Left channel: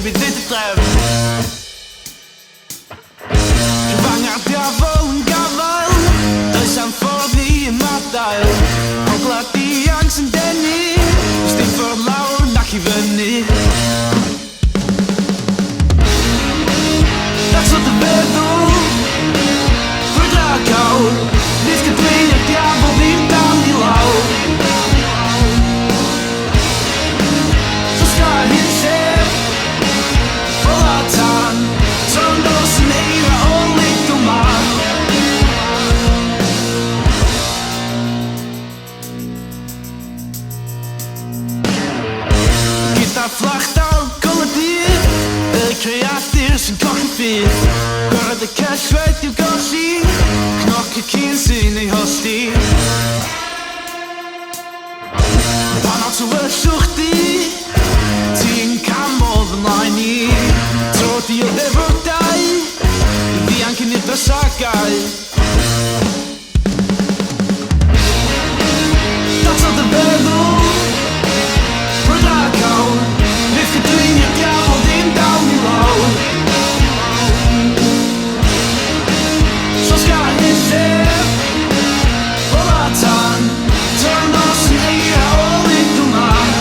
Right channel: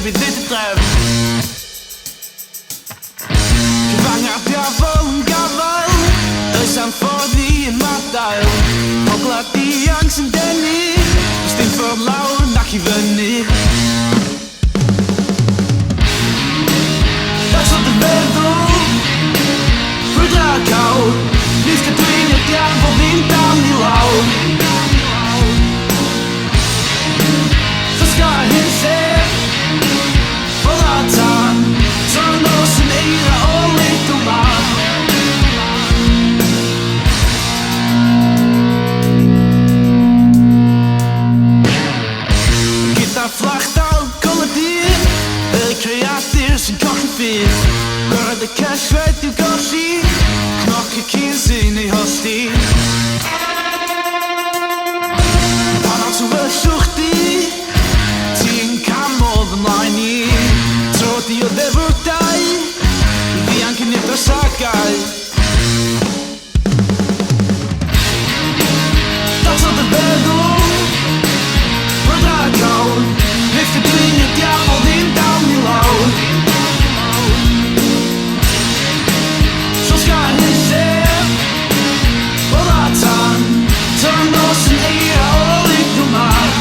baby, dit är dröm. Cyfangar diafol yn gafel, does am ffordd i ymadael. Hoglad diang sy'n denu, does dim ffordd lawr nac i fyny. That's what the feddwl, frwydra cawr, nid cadwyn i'r diafol ddim dal i lawr. Ffosga hyn llef, ffordd a tan, son nos yn eira o leid o man. Gyda fflachdal golydydd, y creadur sy'n colli ffydd. Gorau y cellfed i'w golli, cnoc y cyn sy'n ei hosti. Pan o't wyllwch di, ti'n camodd ymlaen i. Tro di o ddefwrdau, i ddianc yn nid o sagau. That's all the feddwl, brwydra cawr, nid cadwyn i'r diafol ddim dal i lawr. Ffosga hyn llef, ffordd a tan, ton nos yn eira o leid o man.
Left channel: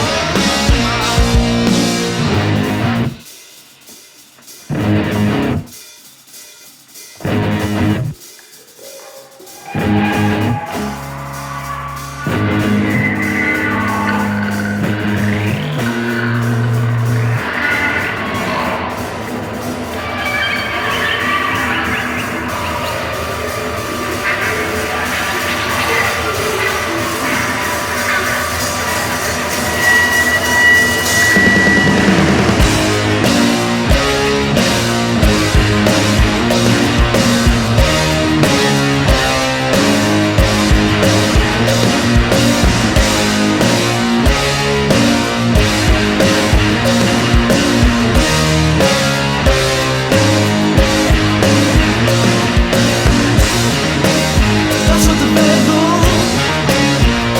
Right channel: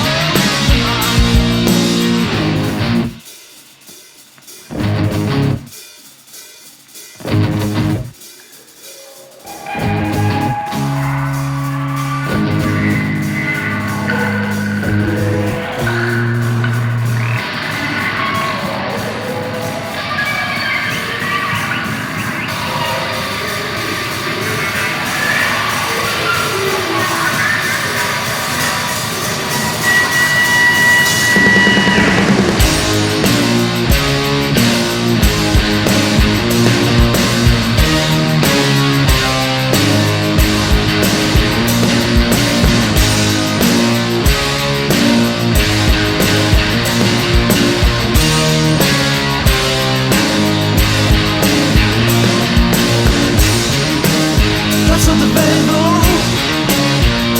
That's what the feddwl,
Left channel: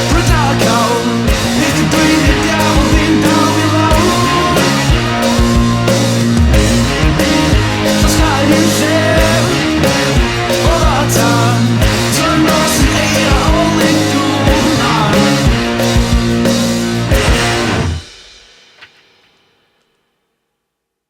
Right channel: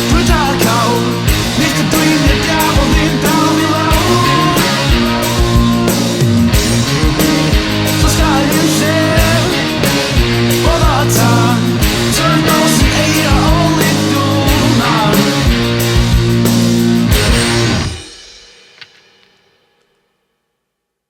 brwydra cawr, nid cadwyn i'r diafol ddim dal